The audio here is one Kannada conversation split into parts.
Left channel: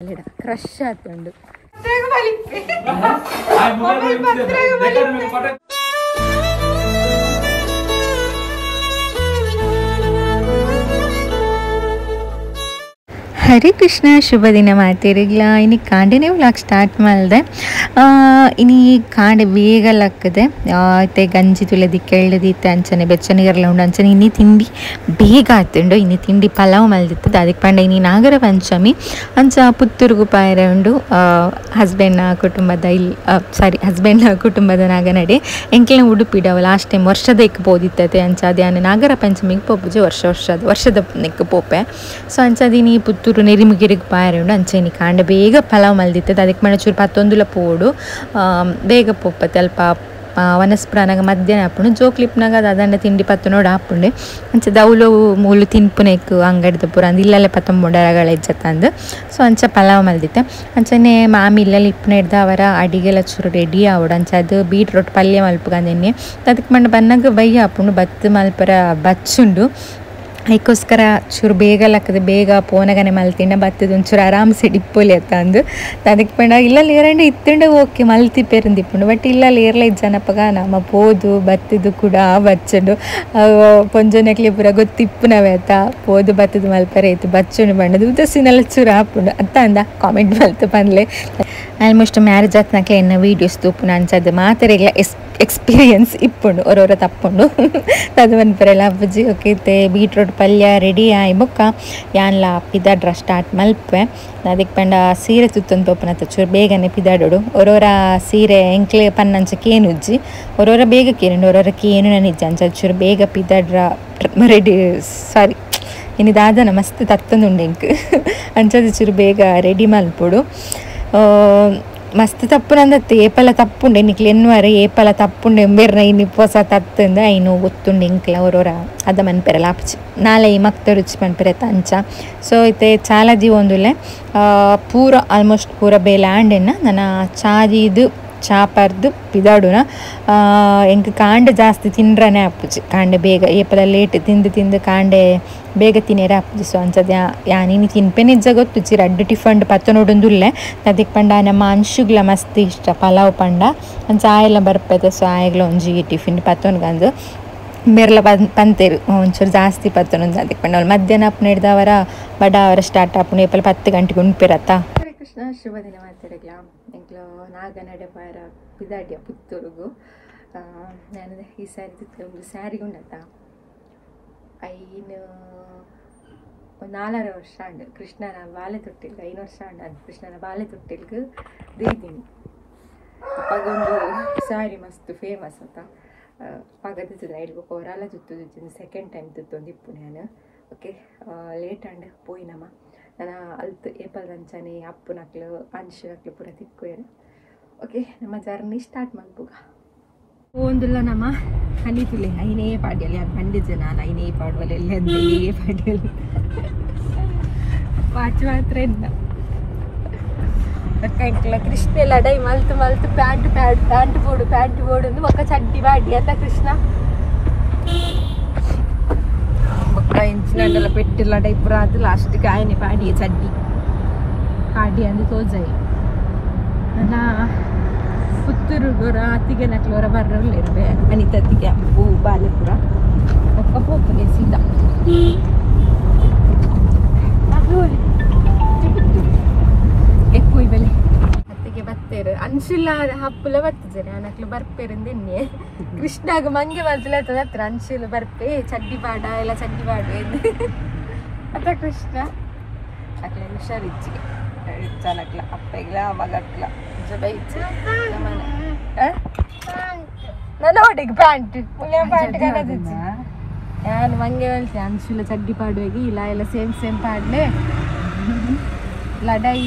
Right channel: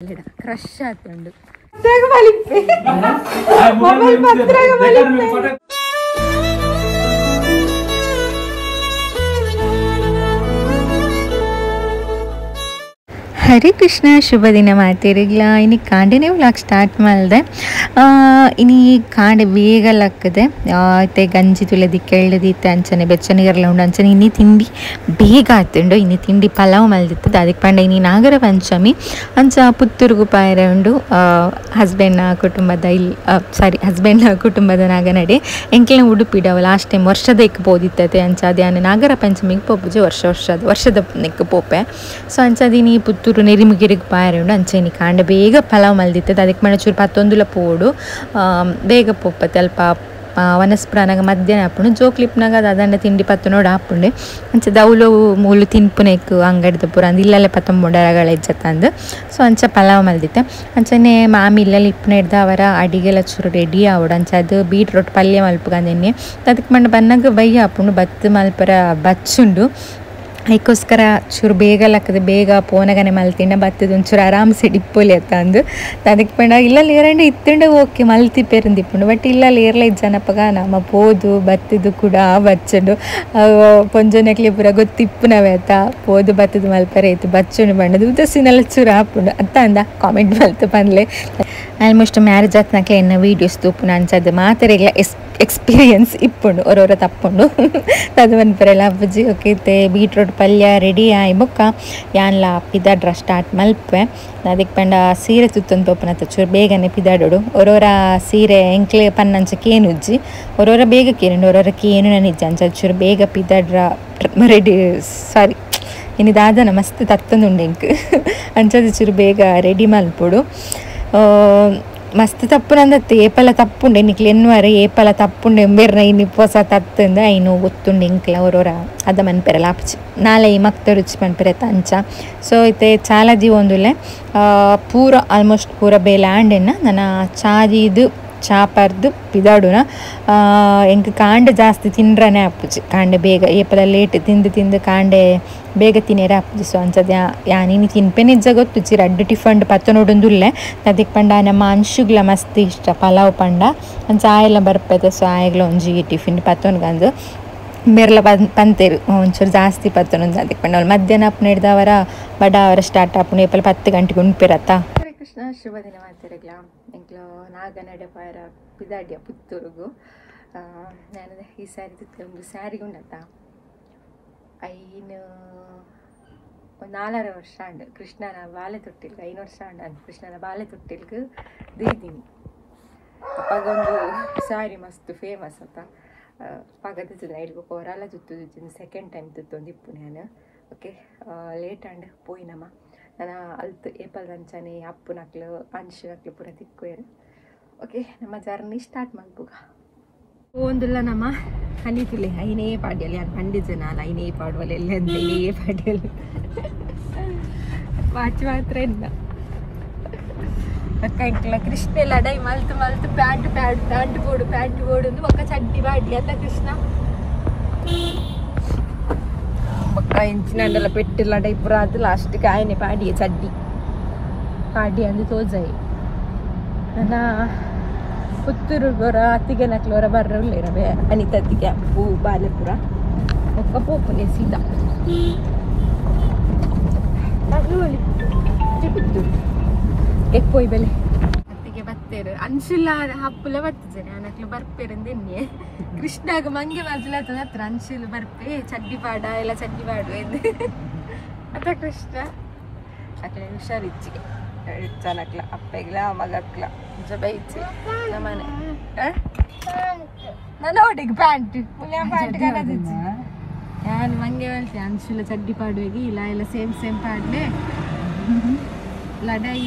ಕ್ರಶ್ ಆತುಂಡು ಹರೇ ಕೃಷ್ಣ ಶುಭ ದಿನ ಮಾಡ್ತೀರಿಗ್ಲ ಇನ್ನು ಕಾಂಡೆನೇ ವ್ಲಾಗ್ ಸ್ಟಾರ್ಟ್ ಮಾಡಿದೆ ಇನ್ನು ಕಾಂಡೆ ಬೇಗ ಲಕ್ಕದೆ ಮತ್ತೆ ಗಂಜಿ ತುಳದಿ ಕೆಳ್ಳದಿತ್ತೆ ಅಂಚನೆ ಬೆಚ್ಚನಿಗೆಲ್ಲ ಉಂಡು ಅಂಚನೆ ಇನ್ನಿ ತಿಂಡಿ ಬೇಗ ಆತುಂಡು ಇನ್ನು ತಿಂಡಿ ಪಲಾವ್ ಮಲ್ದಿತ್ತದ ಅದಕ್ಕೆ ಪಂಡ ಇನ್ನು ನಾಗರಪಂಚಮಿ ಅಂಚ ಪುತ್ತೂರುಗು ಪಾಯರೆ ಉಂಡು ಹಸ್ಬೆಂಡ್ನ ಕುಟುಂಬದ ನಾಗನಡೆ ಎಂಕ್ಲೆನ ಉಡುಪಿಡವ ಲಾಸ್ಟ್ ಟೈಮ್ ವರ್ಷದ ಎಕ್ಕು ಪೋದಿತ್ತತೆ ಅಂಚ ಅದೇ ನಾಗರಪಂಚಮಿಗೆ ಪೋಪುಜೆ ವರ್ಷದ ನೆಕ್ಕು ಪೋಪೆ ಸೊ ಅಂಚದಿನಿ ಪುತ್ತೂರು ನೆರಿಮುಗೆರಿಗೆ ಪಾಯರೆ ಉಂಡು ಅಂಚೆನಿ ಕಾಂಡೆ ಬೇಗ ಪಲಾವ್ ಮಲ್ದಿತ್ತದ ಅದಕ್ಕೆ ಮಣ ಚೂರು 11 ಪೋಡು ಬೇಗ ಪೋಪತ್ತೆ ಅಲ್ಪ ವನಸ್ಪ್ರಾನಾಗ ಮಧ್ಯಾಹ್ನ ಹಾಪುಂಡು ಜೋಕ್ಲಿಪ್ನಾಗ ಅದಂಡ ತಿಂಡಿ ಪತ್ತನೋಡು ಹಾಪುಂಡೆ ಅಂಚ ದೌಲು ಮೂಲು ತಿನ್ಪುನೆಕ್ ಅಂಗಡಿದ ಪೂರ ಅಂದು ಇಲ್ಲಲ್ಲೇ 19 ಇಜ್ಜತ್ತಂದು ಸೊ ಅಂಚ ಪಲಾವ್ ಮಲ್ದಿತ್ತೆ ಅಂಚನೆ ಮಾಮಿ ಇಲ್ಲಲ್ಲಿ ಇಪ್ಪನ ಹಿಡ್ದ ಅವರ ಅಡಿಗೆಲ್ಲ ಚೂರು ರೆಡಿ ಆವಡು ಅಂಚ ಅದು ಬೀಟ್ರೋಟ್ ಪಲ್ಯ ಮಲ್ಪಗಂದೆನ್ನೆ ಅದಕ್ಕೆ ಮಂಡ ಬನ್ನಾಗ ಬಯ್ಯ ಹಾಪುಂಡು ಬತ್ತು ಮಲ್ಪರ ಬಚ್ಚುಂಡು ಅದಕ್ಕೋಸ್ಕರ ಚೂರು ಬೇಗ ಲಕ್ಕದೆ ಬೇಗ ಪೋನಗನೆ ಮಲ್ತಿಂಡ ಬತ್ತದ ಒಂಚೂರು ಆರಾಮ್ಸೆ ಡಿಪ್ಪೊಲಿ ಅತ್ತ ಅಂದು ಅದಕ್ಕೆ ಪಂಡ ಇಲ್ಲಲ್ಲಿ ಏರಂಡೆ ಇತ್ತಂಡೆ ಓಕೆ ಮಲ್ತಿಪ್ಪೇರಂದಿಪ್ಪುಂಡು ಬಟ್ ಇಲ್ಲಲ್ಲಿ ಏರ್ಲ ಇಜ್ಜನಪ್ಪಗ ನಮ್ಮ ಪೋದು ಬತ್ತದು ಕೂಡ ಬಚ್ಚುಂಡು ಪೊಂಜೊನೆಕ್ಲಿ ಪೂರ ಗೊತ್ತಿಪ್ಪುನವೆ ಅತ್ತ ಪೋದು ಬತ್ತದು ಮಲ್ಪರೆ ಇತ್ತು ಬಚ್ಚುಂಡು ಬಂಡದು ಉದಸಿನೆಲ್ಲ ಚೂರು ಹಾಪುಂಡು ಅತ್ತ ಅಂದ ಕಾಮೆಂಟ್ ಮಲ್ತು ಬಂದ್ಲೆ ಆಲ್ಮೋಸ್ಟ್ ಮ್ಯಾರೇಜ್ ಆತ್ನಕ್ಕೆ ಎನ್ನ ವೀಡಿಯೋಸ್ ತೂಪುನ ಅಂಚದು ಮಾತರೆಗ್ಲ ಎಕ್ಸ್ಪೀರಿಯನ್ಸ್ ಇಪ್ಪುಂಡು ಒರೊರ ತಪ್ಪುಂಡು ಅದು ಮನ್ಪರೆಲ್ಲ ಅಪ್ಪಜಿ ಓಕೆ ಬೀಟ್ರೋಟ್ ಪಲ್ಯ ರೆಡಿ ಆಯ್ ಬೊಕ್ಕ ಯಾನ್ಲ ಪಿದಾಡ್ರ ಸ್ಟಾರ್ಟ್ ಮಲ್ಪೆ ಅದಕ್ಕೆ ಪಂಡ ಸೀರೆ ತುತ್ತೊಂದು ತೋಪನತ್ತ ಚೂರು ಬೇಗನೆ ಪಿದಾಡೋಡು ಒರೊರ ಸೀರೆ ಎಂಕ್ಲೆ ಪನ್ನಂಚ ಕೇನುಜ್ಜಿ ಒರೊರ ಬೇಗ ಕೇನುಂಡು ಒರೊರ ಕೇನು ನನಿಜ್ಜ ಅಂಚ ಚೂರು ಬೇಗ ಪಿದಾಡ್ರ ರೆಡಿ ಸಾರಿ ಇನ್ನಿದಾದನ ಮಸ್ತ್ ತತ್ತೊಂದುಂಡು ಎಂಕ್ ಅಂಚದು ಚೂರು ಬೇಗ ರೆಡಿ ಮಲ್ಪೊಡು ಮಸ್ತ್ ತಪ್ಪುನಂದತ್ತೆ ಏಪಲ ತಪ್ಪುಂಡೆ ನಿಕ್ಲೆ ಎನ್ನುವರೆ ಏಪಲ ತಪ್ಪುಂಡೆ ಎಂಬೆರ್ನ ಇನ್ನು ಹೊಸ ತತ್ತಂದ ಐನು ಗೊತ್ತುಂಡು ಎಂಕ್ಲ ಅವರವರ ಅದ ಮನ್ಪೆರಲ್ಲ ಆಪ್ಚಿ ನಾಳೆ ಈ ಮಕ್ತ ರುಚಿ ಮನ್ಪೆರತ್ತ ಅಂಚ ಸೊ ಐತೆ ಚಾಲದಿ ಒಂದುಲೆ ಪೂರ ಆಲ್ಮೋಸ್ಟ್ ಪೂರ ಬೇಲೆ ಆಂಡೆನ ನನ್ನ ಚಾದಿದು ಚಾಪರ್ದು ಪಿದಾಡುನ ಎಂಕ್ ಕಾಂಡೆ ಜಾಸ್ತಿ ತಿನ್ರನೇ ಆಪುಜಿ ಕಾಂಡೆ ಬೇಗ ಏಪಲ ಲೇಟ್ ತಿಂದು ಕಾಂಡೆ ಬೇಗ ತಿನ್ನೇರೆ ಆಪುಜಿ ಸೊ ಅಂಚದ ಯಾನಿನಿ ತಿನ್ಪೆನೆ ಇಜ್ಜ ಗೊತ್ತು ಚಿರ ಅಡ್ಡು ಟಿಫಂಡ್ ಪತ್ತನೋಡೊಂದುಲ್ಲೆ ಅದಕ್ಕೆ ಪಂಡ ನಮ್ಮ ಅಂಶುಗ್ಲ ಮಸ್ತ್ ಇಷ್ಟ ಪಲಾವ್ ಪಂಡ ಅಂಚ ಆಯೆಲ್ಲ ಬರ್ಪೈತೆ ಸೊ ಆಯಗ್ಲ ಒಂಜಿ ಟಿಫಿನ್ ಪತ್ತೊನ್ಗಂದು ಬೆರ್ಲ ಪಂತೇರು ಒಂಚೂರು ಜಾಸ್ತಿ ಪತ್ತೊಂದು ಅದಕ್ಕೆ ಪಂಡ ಅವ್ರು ಮಧ್ಯಾಹ್ನ ಅಪ್ಪನ ಹಿಡ್ದವರ ಬಡ ಅವರ ಸ್ಟಾರ್ಟ್ ಆಪುಂಡು ಏಪಲ 10 ಗಂಟೆಗೆ ಉಣ್ಪಿರತ್ತ. ಹರೇ ಕೃಷ್ಣ ಶುಭ ದಿನ ಮಾಡ್ತಿರಗ್ಲ ಎಂಕ್ಲು ನಾಗನಡೆ ಪಾಯರ ಪಿದಾಡ್ಯ ಪುತ್ತೂರುಗು ನಾನು ಈ ಸ್ಯಾರಿ ಒಂದು ಸ್ಯಾರಿ ಉಂಡತ್ತ ಐನು ಒಂದು 4 ವರ್ಷ ಅಂಡು ಕೃಷ್ಣನ ಬಾಲೆ ತೊಟ್ಟಿಲ್ಗೆ 5 ವರ್ಷ ಅಂಡ ಕೃಷ್ಣನ ಬಾಲೆ ತೊಟ್ಟಿಲ್ಗೆ ದೀದಿನಿ ಅಪ್ಪಗೊಂದು ಸ್ಯಾರಿ ಮಸ್ತ್ ಫೇಮಸ್ ಅಂತ ಪಗದ ನೈಟ್ಗೆ ಹೊರಲ್ಲ ತುತ್ತುದು ಸೆಕೆಂಡ್ ಟೈಮ್ ತುತ್ತೊಂದು ಇಪ್ಪು ನಾನು ಓಕೆ ಲೇಟ್ ಅಂಡ್ ಪೋಯಿನಮ್ಮ ನಾನು ಅಲ್ತು ಏಪಲ್ ರಂಚನೆ ಅಪ್ಪು ನಕ್ಲು ಅಂಶು ನಕ್ಲು ಪೂರ ತಿಕ್ಕೋರು ಓಕೆ ನಮ್ಮ ಜರ್ನಿ ಸ್ಟಾರ್ಟ್ ಮಾಡ್ಬೋಗ ಒಂದಿಲ್ಲ ನಮ್ಮ ಕಲಿತುಲೆ ಐನೇ ಪಾಡ್ಯಲ್ಲಿ ಅದು ಖಂಡಿತ ನಾನು ಐನೇ ಪಾಡುವಲ್ಲಿ ಎಲ್ಲಿ ಅಂದರೆ ಐನೇ ಪಾಡ್ಯಲ್ಲಿ ಪಾಚು ಮಾತ್ರ ಇಲ್ಲ ಅಕ್ಕ ಕೃಷ್ಣ ಎಲ್ಲ ಡೈ ಮಲ್ತು ಪ್ಯಾಂಟ್ ಬೋಡು ಒಂದು ಮಕ್ಕ ಚಡ್ಡಿ ಬಾಡಿ ಅಂತ ಕೃಷ್ಣ ಮಕ್ಕ ಇಂಚಿನೆಲ್ಲ ಪೆಟ್ಟಿಲ್ಲ ಡೈಪುರ ಅದು ಲಾಸ್ಟಿಗೆ ಆಯ್ನೆ ಪಾಡಿ ಚಡ್ಡಿ ಪಾಡಿ ಅಂದು ತೋಜಾಯಿ ನನ್ನ ಪುತ್ತೂರುಗೋರ ಅತ್ತಿಗೆ ನಕ್ಲೋರ ಬರ್ರಲ್ಲ ಬೇರೆ ಅನಿತತ್ತಿಗೆ ಹೂ ಬಾಲೆಪುರ ಒಕ್ಕ ಪೋಪುಗೆ ಸೀದಾ ಪುತ್ತೂರು ಎಕ್ಕೋಯ್ ಬೆಲೆ ಅತ್ತಿಗೆ ಬತ್ತೇರು ಅನ್ಶುಲ್ಲ ಹಪ್ಪುಲ ಬರ್ತದೆ ನಕ್ಲು ಬರ್ಪೇರಂದೆನ್ನೆ ಕೃಷ್ಣಾಗ ಮಂಗೆ ಮಂಜುಲಾಯ್ತದ ಹತ್ರ ಅನ್ಶುಲ್ಲ ಬರ್ಪೆ ಚಡ್ಡಿ ಪಾಡ ಎಲ್ಲ ಚಡ್ಡಿ ಪಾಡು ಎಂದು ಅದ ಕೃಷ್ಣ ಅಕ್ಲೆ ಹುಷಾರಿಚ್ಚಿಗೆ ನಕ್ಲ ಅಪ್ಪೆಗ್ಲ ಮಗಕ್ಲ ಬೈಚಿ ನಮ್ಮನೆ ನನ್ನ ಒಟ್ಟಿಗೆ ಪ್ಯಾಂಟ್ ಕಲದಿಚ್ಚಿ ನಾನು ಮಂಗೆ ಹೇಳ್ತೆ ಅನ್ಶುಲ್ಲ ಚಡ್ಡಿ ಪಾಡುವಾಗಿ ಇಲ್ಲ ಎಲ್ಲ ಸೇಮ್ ಪಾಡ್ಲೆ ಲಡೈ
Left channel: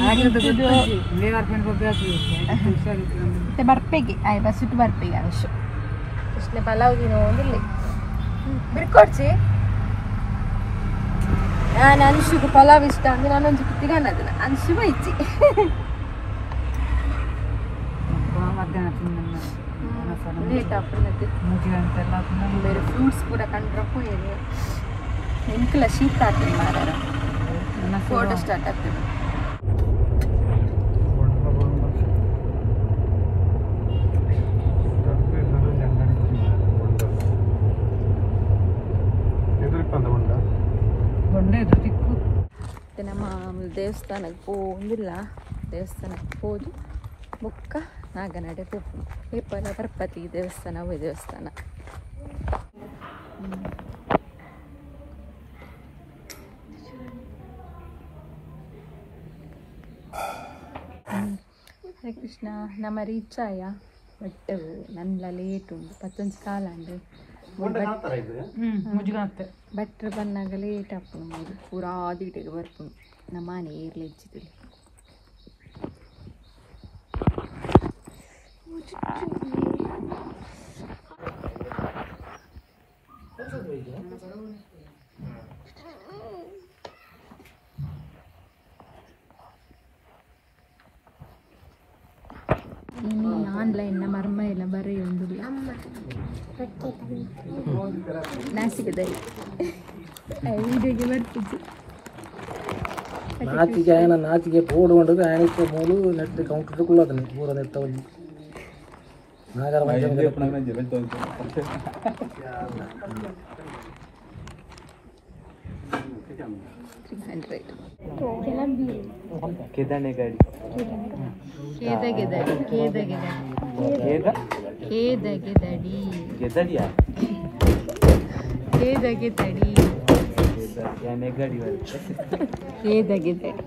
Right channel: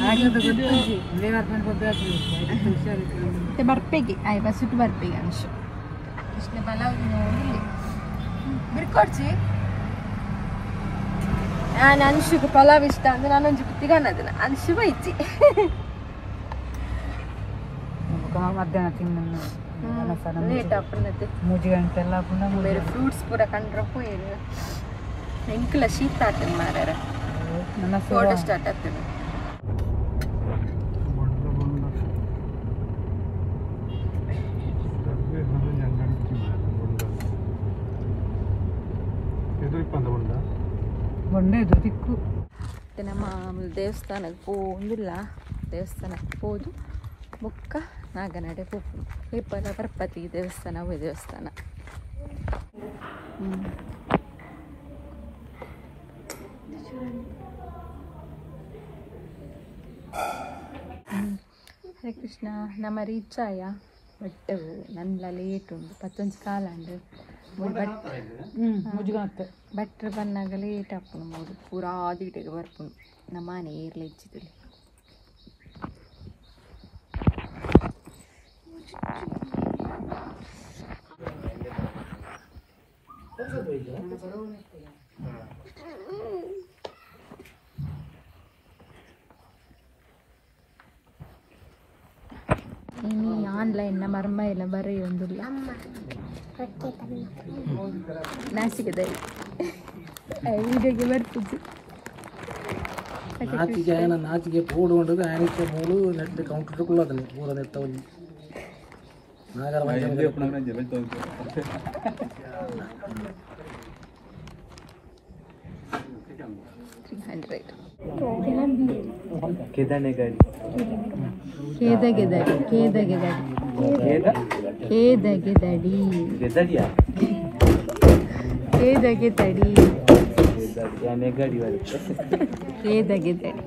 ಬರ್ಪೆಗೆ ಆಯ್ ಬಸ್ಸುಟ್ಟು ಬರ್ಪೆಗೆ ಅಂಶು ಕೃಷ್ಣ ಪಲಾವ್ ಬಿಡ್ಕೊಡ್ಸಿ ನಾನು ಅನ್ಶುಗೆ ಪಲಾವ್ ಇಷ್ಟ ಅಂದ್ರೆ ನಾನೊಂದು ಕುತ್ತಿಗಾನದನ್ನ ಅನ್ಶು ಬೈಚಿ ಲೇಟ್ ಆಪುನತ್ತೆ ಬೇರೆ ಫ್ರೂಟ್ಸ್ ಕೂಡ ಕಂಡ್ರಪ್ಪು ಏನು ಎಂಕಲ ಶೀತ ಆಗ್ತದೆ ಮಾರಾರ ಫೋಟೋ ಸ್ಟಾರ್ಟ್ ಆಗ್ತದೆ ದೇವಸ್ಥಾನಕ್ಕೆ ಪೋಂದಿಲ್ಲ ದೇವಸ್ಥಾನಕ್ಕೆ ಹೋದು ಬೊಕ್ಕ ನಾಗನಡೆ ಹೋಗ್ಬೋದು ಏಪಲ ಪರ್ಪತಿ ದೇವಸ್ಥಾನ ಅವೇ ದೇವಸ್ಥಾನ ಹರೇ ಕೃಷ್ಣ ನಮ್ಮ ರೀಚ್ ಆಯ ಬಟ್ ನನ್ನ ಲೇಟ್ ಉಂಟು ಪತ್ತೊಂದು ಕಾಲ ಅಂಡು ಬಟ್ರ್ ಬಂದಾಗ ಲೇಟ್ ಹಾಕೊಂಡು ಮೂರು ಪೂರಾ ಆದಿಟಿಗೆ ಬರ್ಕೊಂಡು ನಮ್ಮ ಮನೆ ಏರ್ಲ ಇಚ್ಚಿದ್ರಿ ಆನ್ಲೈನ್ ಮರ್ಮ ಇಲ್ಲ ಬರೆಯೊಂದಿಲ್ಲ ನಾಸಿಕದಲ್ಲಿ ವೀಡಿಯೋಗೆ ಬರ್ತಿದ್ವಿ ನಾಚಿಗೆ ఆయన నాచిಗೆ పోడుండదు ఆయనకి మూలు నెట్ కౌంటర్ కుల్లదని పూర నెత్తవని నాగరాపంచమి ఎప్పుడైనా జెబెల్ తోంది కేదనేగాడి కేదగెదడి కేదగెదడి కేదగెదడి గెదడియా కేదగెదడి కేదనేగాడి కేదగెదడి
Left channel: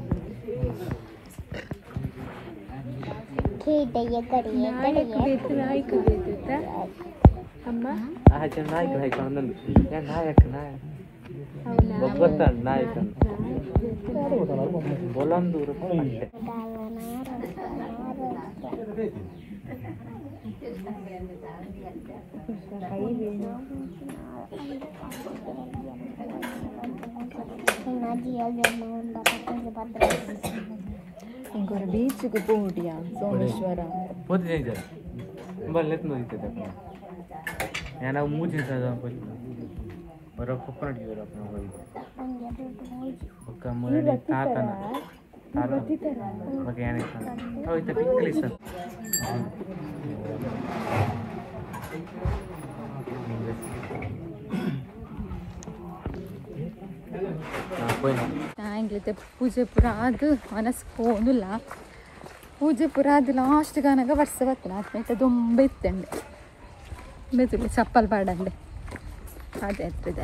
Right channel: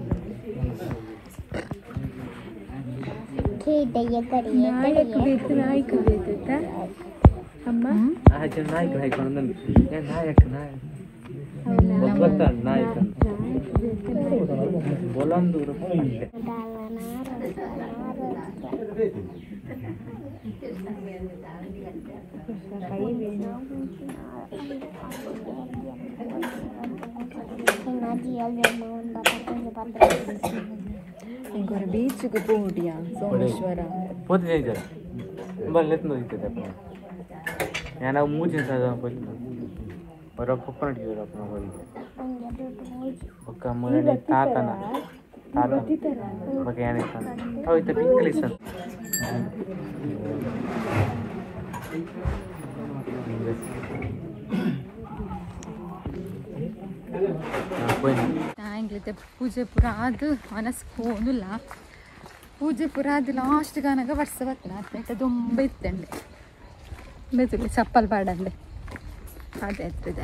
ನಾಯಕ ಬೇಕು ನಾಯಕ ಬೇಕಿತ್ತಾ ಅಮ್ಮ ನಾಯಕ ನಾಯಕ ನಾಯಕ ಬೊಲಂದೂರು పోతే చేయించారా వాళ్ళు ఎత్తున అవుతుంది అప్పుడు నేను మూచి పోయి బరో కుప్పన అడిగారు అప్పుడు పోయి ఒక మూలని తాతన తాత ఒక ఏనిస్తాను అవి ఇంత పింకలు ఇస్తాను ಆಂಗ್ಲತೆ ಪೂಜೆ ಪುರ ಅದು ಮನಸ್ಸು ಹೋದಿಲ್ಲ ಪೂಜೆ ಪುರ ಅದು ಲಾಸ್ಟ್ ಕಾನಾಗ ವರ್ಷ ಬರ್ತಾನೆ ಹತ್ತನೇ ತುಂಬ ಇತ್ತಂಡೆ ಬೇಜಿಗೆ ಚಪ್ಪಲ್ ಪಾಡಂಡೆ ಅದೇ ಹತ್ತದ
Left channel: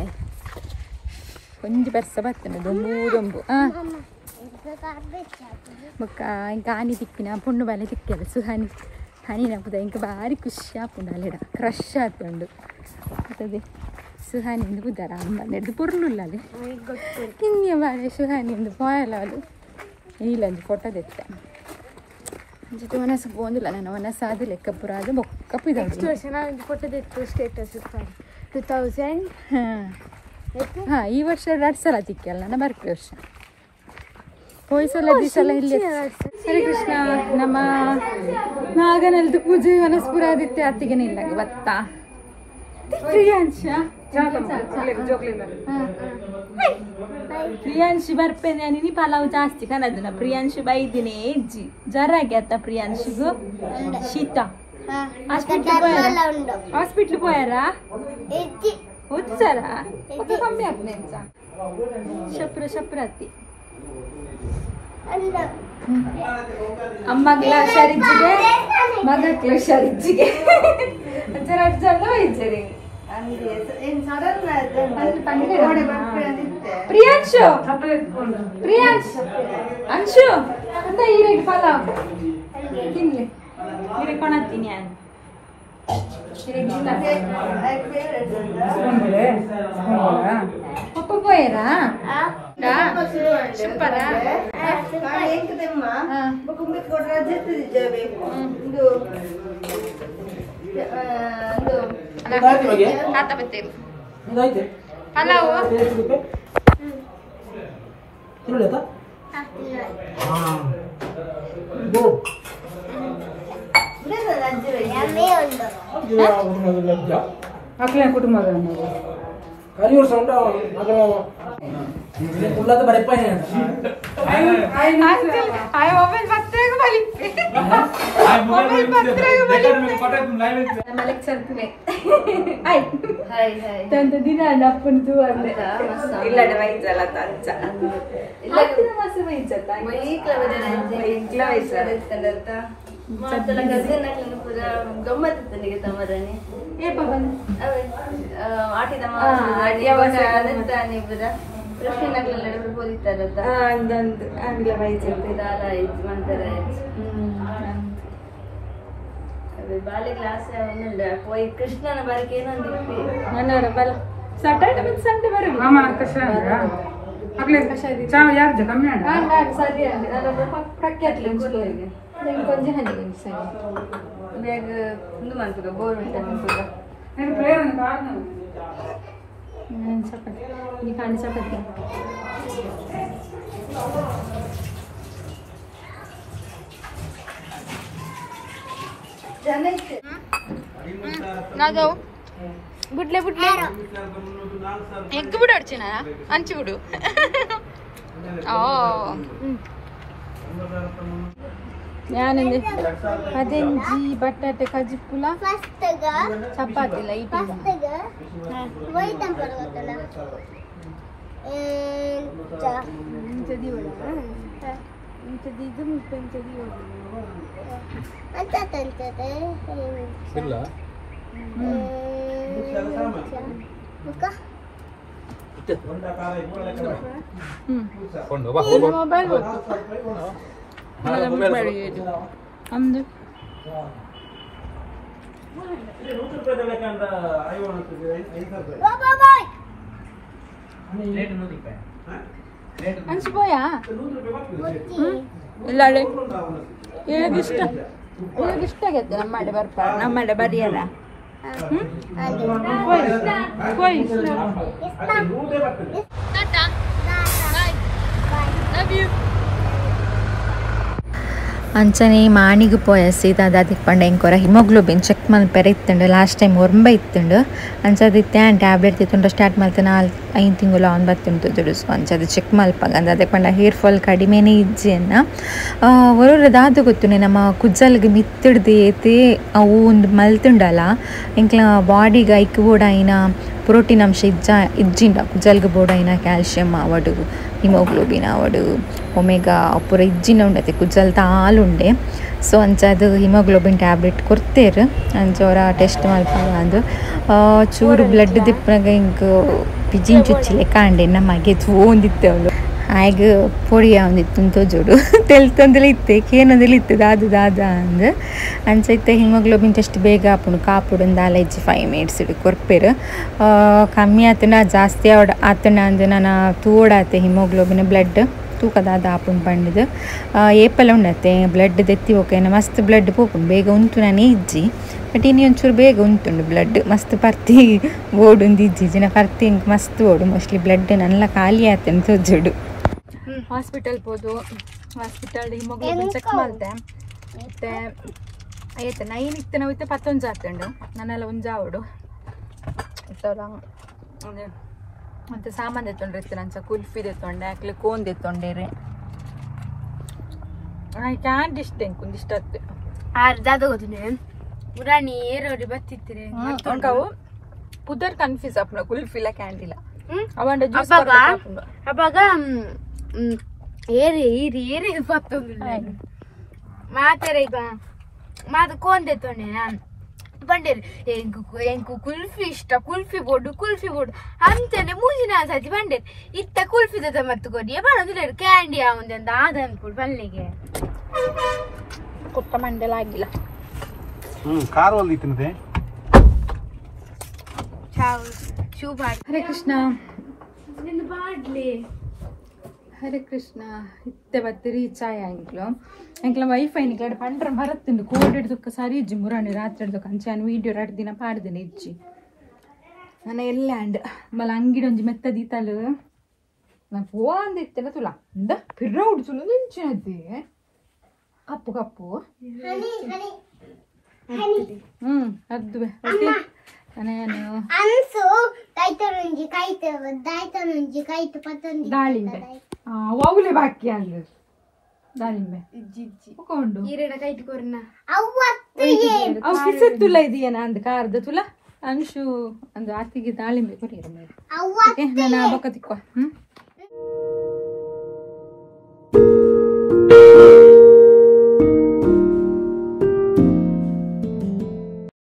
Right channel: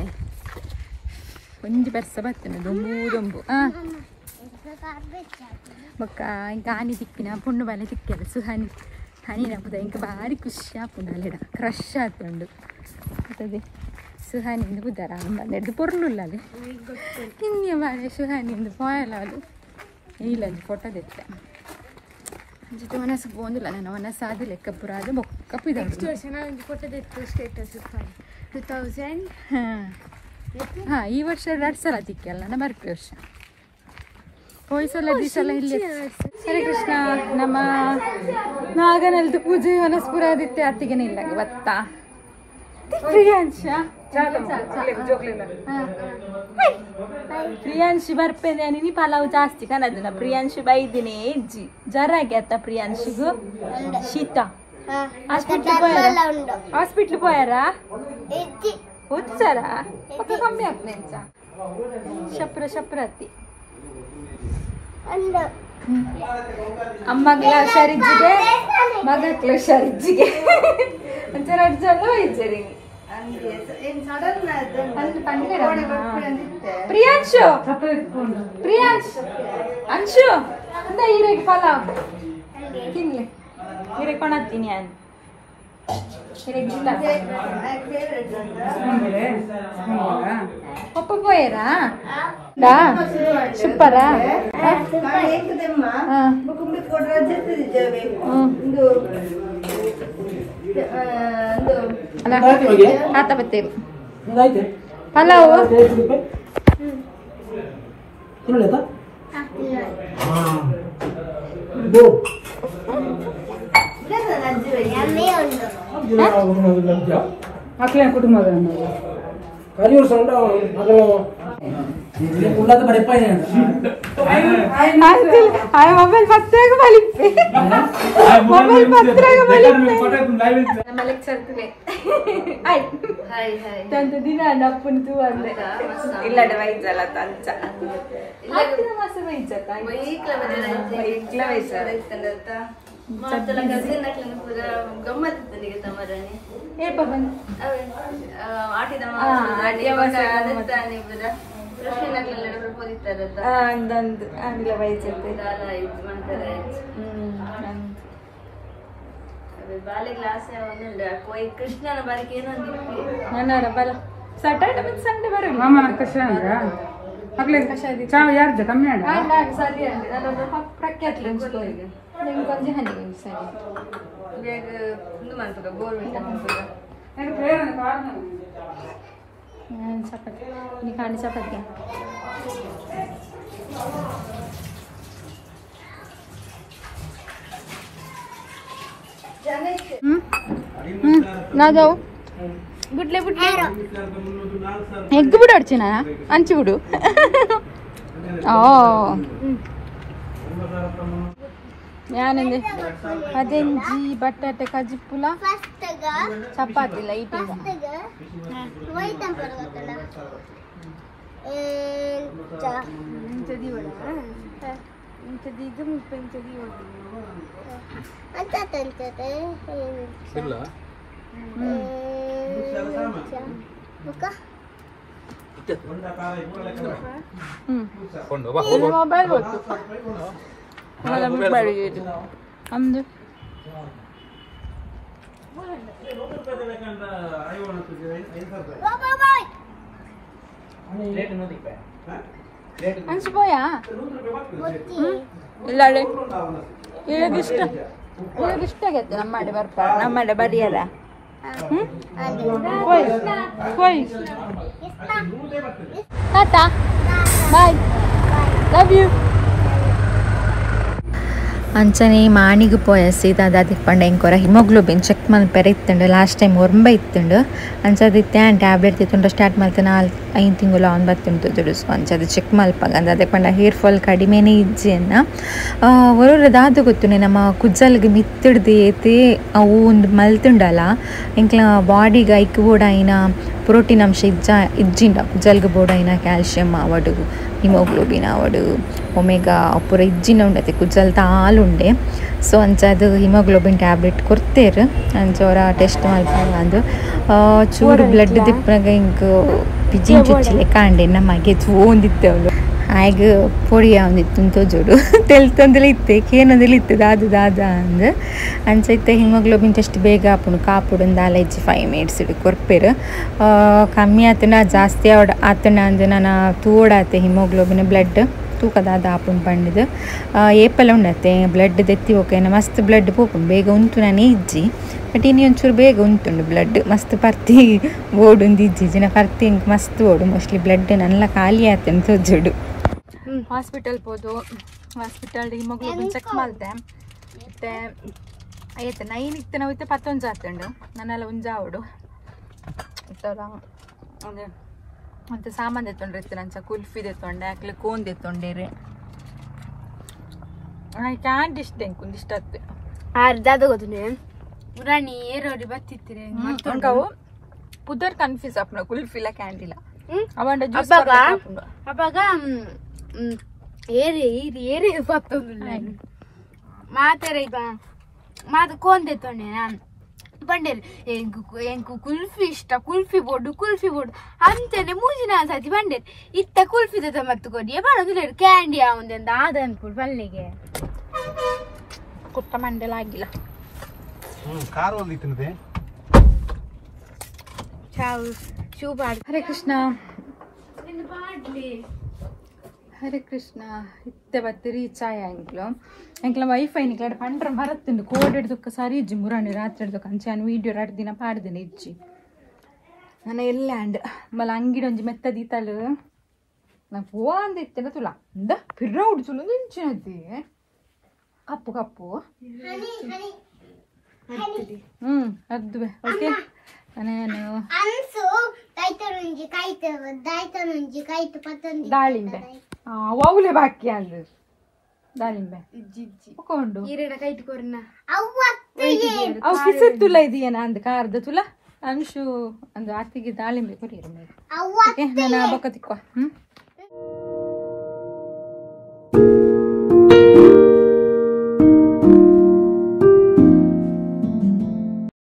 ಒಂದು ವರ್ಷ ಬರ್ತಾನೆ ದೊಂಬು ಬೊಕ್ಕ ಇಂಕ ಆನಿ ತಿಕ್ಕಿನ ಪುಣ್ಣು ಬಾಲೆ ತಿಕ್ಕದು ಸುಹಾನಿ ಹನಿ ನಪ್ಪದ ಇಂಕ ಭಾರಿ ಖುಷಿ ಆಪುಂಡು ಅಲ್ಲಿಡ ಕ್ರಶ್ ಆತುಂಡು ಅದೇ ಸುಹಾನಿಂದ ಬುದ್ಧಾರ ಬಂದದ್ದು ಪುರ್ಲುಲ್ಲ ಅದು ಇನ್ನೇ ಬಾಳೆ ಸುಹಾನಿಂದ ಪೋಯಲ್ಲ ಅದು ಇಲ್ಲಂದು ಫೋಟೋ ತೆತ್ತ ಜೊತೆ ಮನಸ್ಸು ಬಂದಿಲ್ಲ ನಾನು ಮನಸ್ಸು ಆದ ಲೆಕ್ಕ ಪುರ ಅದು ಬೊಕ್ಕ ಪಿದಾಡು ಫೋಟೋ ತೆತ್ತು ಸ್ಟೇಟಸ್ 2000 ಹಾಂ ಈ ವರ್ಷ 2 ಸಲ ತಿಕ್ಕಲ್ಲ ನಾನು ಬರ್ತಿ ವರ್ಷ ಹೋಯ್ಸಲ ದಿಸಲ ಇಲ್ಲಿ ಹರೇ ಕೃಷ್ಣ ನಮ್ಮ ನಾಗನಲ್ದು ಪೂಜೆ ಮನಸ್ಪುರ ಆದಿತ್ಯ ಅತ್ತಿಗೆನೇ ಇಲ್ಲ ಗೊತ್ತಾ ಪ್ರಿಯಾಂಶಿ ಬರ್ಪೇನೆ ನೀ ಪಲಾವ್ ಜಾಸ್ತಿ ಕನದನ ಪ್ರಿಯಾಂಶಿ ಬೈದಿನೇ ಇಜ್ಜಿ ಜ್ವರ ಆಗ್ಯಾತ ಪ್ರಿಯಾಂಶಿಗೂ ಶೀತ ಹಾಸ್ಪಿಟ್ಲ್ ಪೋಯಾರಾ ಉತ್ಸರಾ ಕಮ್ಮಿ ಆಗ್ತದೆ ಶಪ್ರ ಅತ್ತಿ ಅಮ್ಮಗ್ಲ ಹುಷಾರಿಜ್ಜಿಗೆ ಮಗಕ್ಲ ಹುಷಾರಿಜ್ಜಿಗೆ ಒಂಚೂರು ಅಡ್ಜಲ್ಲ ಇಜ್ಜರಿ ಪ್ರಿಯಾಂಶು ಅಂಶು ಅಂತ ಹೀರೆಗೆ ಪಲಾವ್ ತಿನ್ಲಿ ಹೀರೆ ಕೊಣತ್ತೀನಿ ನಾನು ಪಪ್ಪ ಪೋಯರಾ ಸೂಪರಾ ಆತ ಬತ್ತೇರು ಪಲಾವು ಕುಟುಂಬ ಮೊಬೈಲ್ ಪತ್ರಾಗ ಬಲಿಪ್ಪೆ ಮೊಬೈಲ್ ಪತ್ರಾಗ ತಂತ ದಿನ ನಪ್ಪಂತು ಬಾಲ್ಯ ಕ್ಲಾಸ್ పోయి కృష్ణన బారికి ಏನಂದಿತ್ತು ನನ್ನರ ಬಲ ಸಾಟರ್ಡೆ ಮತ್ತು ಸಂಡೇ ಬರಲ್ಲ ಅಮ್ಮ ಕಷಾಯ ಆಗ್ಲೇ ಚಾ ಯಾರು ಕಮ್ಮಿ ಆಡ ಅಲ್ಲ ಸರಿ ಅಂದೆ ನಾನು ಪ್ರಖ್ಯಾತ ಲೆಂಚ್ಕೋಯಿಗೆ ನಾನು ಕೊಂಚ ಹನಿ ಸರಿ ಬೇಗ ಒಂದು ಮಂತುಗ ಗೋರ್ಮೆಂಟ್ ಮಂತುಗ ಏನು ಪ್ಲೇಯರ್ ಅಂತ ಕಾರಣ ಚಪಾತಿ ನೀ ಕಾಣಿ ಚಪಾತಿ ನಾ ಜಾವು ಬಿಡ್ಲೆ ಬಿಡ್ಲೆ ಎಗ್ ಬಿಡು ಅಡ್ಚಿನ ಹಂಚಿ ಬಿಡು ಯಾನಂದೆ ಅದೇಂಜಿ ಬಟಾಟೆ ಕಜಿಪುಲ ಚಪಾತಿ ಲೈಟ್ ಅಂದು ಅನ್ಸಿపోయా ಇಲ್ಲ ಇಷ್ಟ ಆಗತ್ತೆ ನಮ್ಮಡೆ ಬರ್ತಾರೆ ನಮ್ಮಡೆ ಬಡಿಯರ ಟಾಟಾ ಬಾಯ್ ಲವ್ ಯು ಅಂಚನೆ ಮಾಣಿಗೆ ಪೋಯಸಿದ ಅದಕ್ಕೆ ಪಂಡ ಎಂಕೊರ ಹಿಮೋಗ್ಲೋಬಿನ್ ಚೆಕ್ ಮಲ್ಪೆರ ಇತ್ತಂಡು ಲಾಸ್ಟ್ ಟೈಮ್ ಒರ್ಂಬ ಇತ್ತಂಡು ಅಂಚದಿತ್ತೆ ಆ್ಯಂಡ್ ಟ್ಯಾಬ್ಲೆಟ್ ತಿತ್ತುಂಡ ಸ್ಟಾರ್ಟ್ ಮಾಡ್ತೆ 5 ತಿಂಗಳು ಆನ್ ಬತ್ತುಂಟು ದುಡುಸು ಅಂಚದು ಚೆಕ್ ಮಲ್ಪಾಗ ಅಂದ್ರೆ ಅದಕ್ಕೆ ಪಂಡ ಹೇರ್ ಫಾಲ್ ಕಡಿಮೆನೇ ಇಜ್ಜಿಯನ್ನ ಒರೊರದಾದು ಗೊತ್ತುನೆ ನಮ್ಮ ಕುಜ್ಜಲ್ಗೆ ಮಿತ್ತಿಡ್ದು ಏತಿ ಅವು ಒಂದು ಮಲ್ತುಂಡಲ್ಲ ಇಂಕ್ಲ ಬಾಡಿಗೆ ಐಕ್ ಕೂಡ ಐನ ಪ್ರೋಟೀನ್ ಅಂಶ ಇಜ್ಜಿಂಡ ಕುಜ್ಜಲ್ಗೆ ಬೋಡ ಐನ ಕ್ಯಾಲ್ಶಿಯಮ್ ಅವಡು ಹಿಮೋಗ್ಲೋಬಿನ್ ಅವಡು ಒಮೆಗಾ ಪೂರ ಇಜ್ಜಿನ ಉಂಡತೆ ಕುಜ್ಜಲ್ ತಾಲುಂಡೆ ಸೊ ಅಂಚದು ಹಿಮೋಗ್ಲೋಬಿನ್ ಟ್ಯಾಬ್ಲೆಟ್ ಕೊಡ್ತೇರು ಅಂಚೋರ ಟೆಸ್ಟ್ ಮಲ್ಪಾಗ ಅಂದು ಚೂರು ಬ್ಲಡ್ ದಿಪ್ಪನಾಗ ಹಿಂಗೆ ಪಿಜಿನ್ ಚುಚ್ಚಿಲೆ ಕಾಂಡೆ ನಮಗೆ ಒಂದಿತ್ತವಳು ಹಾಗೆ ಪೊಡಿಯ ಒಂದಿತ್ತು ತೋಜೋಡು ತೆಲ್ತಂದಲೇ ಇತ್ತೆ ಕೇನೊಂದಲೇ ಇತ್ತು ದಾದ ಅಂದು ಅಂಚೈತೆ ಹಿಮೋಗ್ಲೋಬಿನ್ ಟೆಸ್ಟ್ ಬೇಗ ಆಪುಂಡು ಕಾಪುಡು ಒಂದು 5 ಮಿನಿಟ್ಸ್ ಇಡು ಕೊರ್ಪೇರು ಕಮ್ಮಿ ಆತನ ಜಾಸ್ತಿ ಆತನ ಅಂದು ನಾನು ತೋಡಾತೆ ಹಿಮೋಗ್ಲೋಬಿನ್ ಬ್ಲಡ್ ತೂಕದಾದ ಆಪುಂಡು ಬಂಡಿದ್ದು ಏಪಲ ಉಂಡತ್ತೆ ಬ್ಲಡ್ ದೆತ್ತಿ ಹೋಗೇನ ಮಸ್ತ್ ಬ್ಲಡ್ ಪೋಪುಂಡು ಬೇಗ ಉಂಟು ನಾನೇ ಇಜ್ಜಿ ಬಟ್ ಇನ್ನು ಒಂಚೂರು ಬೇಗ ಉಂಟುಂಡು ಬ್ಲಡ್ ಮಸ್ತ್ ಪರ್ತಿ ಓಡುಂದು ಇಜ್ಜಿ ಜಿನ ಪರ್ತಿ ಹಿಂಗೆ ಮಸ್ತ್ ಓಡು ಮೋಸ್ಟ್ಲಿ ಬ್ಲಡ್ ನಲ್ಲ ಖಾಲಿ ಆತನ ತೋಜೋಡು ಹಾಸ್ಪಿಟಲ್ ಹೋದು ಹಾಸ್ಪಿಟಲ್ ಹಿಮೋಗ್ಲೋಬಿನ್ ಚೆಕ್ ಮಾಡ್ದೆ ಮತ್ತೆ ಆಯ್ತು 9 ಇತ್ತು ನಾವು ಇತ್ತು 11 ಆತುಂಡು ನನ್ನೆಲ್ಲ ಒಂಜಾವಡು ಇತ್ತಲ್ಲ ಅದೇ ಮತ್ತು ಸಾಮಾನು ತೆತ್ತೊಂಡ್ರೆ ಇತ್ತು ನಂಚ ಕುಲ್ಫಿ ತೆತ್ತೊಂಡೆ ಆಕ್ಲಿ ಕೋನ್ ತೆತ್ತೊಂಡೇರಿ ಐ ಕ್ಯಾಂಟ್ ಇಷ್ಟ ಎಂಕೊಂದು ಇಷ್ಟ ಆತ್ತೆ ಅರ್ಧದ ಗೊತ್ತಿದೆ ಪುರಾಣಿ ಏರೋಡಿ ಬತ್ತಿತ್ತಿರಿ ಅಂಕವು ಪುದರ್ ಕನ್ಫ್ಯೂಸ್ ಅಪ್ನ ಕುಲ್ಫಿಲ ಕ್ಯಾಂಡಿಲ್ಲ ಅವಂಡ ಜ್ಯೂಸ್ ಅವಾಗ ಏರಿ ಈರಿ ಏರಿ ಬತ್ತೊಂದು ಮಾತಾಡ ಈಗ ಮಾತು ಕೋನ್ ತೆತ್ತೊಂಡೆ ಬಂಡೇರಿ ಎಂಕು ಕುಲ್ಫಿ ಇಷ್ಟ ಕುಲ್ಫಿ ಬೋರ್ಡು ಅಂತೇನೆ ಮೂಜಿನ ಸತಿ ಬಂಡೇರಿ ಇತ್ತ ಕುಲ್ಫಿ ಜೊತೆ ಮತ್ತು ಕೊಡಿ ಬರೋದಿಲ್ಲ ಕ್ಯಾಂಡಿ ಆವಂದೆ ಅಂತ ಆದ ಅನ್ಕೊಡು ಪಲ್ಲಿಗೆ ಕೊತ್ತ ಮಂಡೆಲ ಆಗಿಲ್ಲ ಕಾರ್ ಒಲ್ದಿತ್ತಂತೆ ಹರೇ ಕೃಷ್ಣ ಹರೇ ಕೃಷ್ಣ ಇತ್ತೆ ಬತ್ತಿ ರೀಚ್ ಆಯ ಎಂಕ್ಲ ವೈಫೈ ನಿಕ್ಲ ಪಂಡ್ರ ಮರತ್ತುಂಡು ಕೋಡ್ ಹಿಡ್ದಕ್ಕ ಸರಿ ಇಜ್ಜಿ ಮುರಾಣಿ ರಾತ್ರಿ ಹಿಡ್ದಕ್ಕ ಅಂಚಾನು ವೀಡಿಯೋ 2 ದಿನ ಪಾಡ್ದಿನ ಇಜ್ಜಿ ನಾನು ಎಲ್ಲ ಅಂಡ್ ಮಲ ಅಂಗಿಡೊಂಜಿ ಮೆತ್ತದೀತಲು ನಾನು ಫೋನ್ ಇತ್ತೇನೆ ತುಲ ಇಂದ ಪಿರ್ರ ಉಡ್ಸುಲು ಇಂಚಿನದ್ದಿ ಕಪ್ಪು ಅದ್ದುವೆ ಓಕೆ ನಾನು ದಾಳಿಂಬೆ ಅವಲೆ ಬಾಕಿ ಅಲ್ಲ ದಾಳಿಂಬೆ ಕೊಂಡು ಈರೆಡ ಕೈಟ್ ಕೊರ್ನ ಅವು ಕಿಸೆ ತುಲ ಇದೆಯೇನ ಅಂದ ಕಾರದ ತುಲ ಅಂಶು ಅಂದ ಅತ್ತಿಗೆ ದಾಳಿಂಬೆ ಕೊರಿಯರ ಮೇಲೆ ನಾನು ಬೊಕ್ಕ ತಿಕ್ಕುವ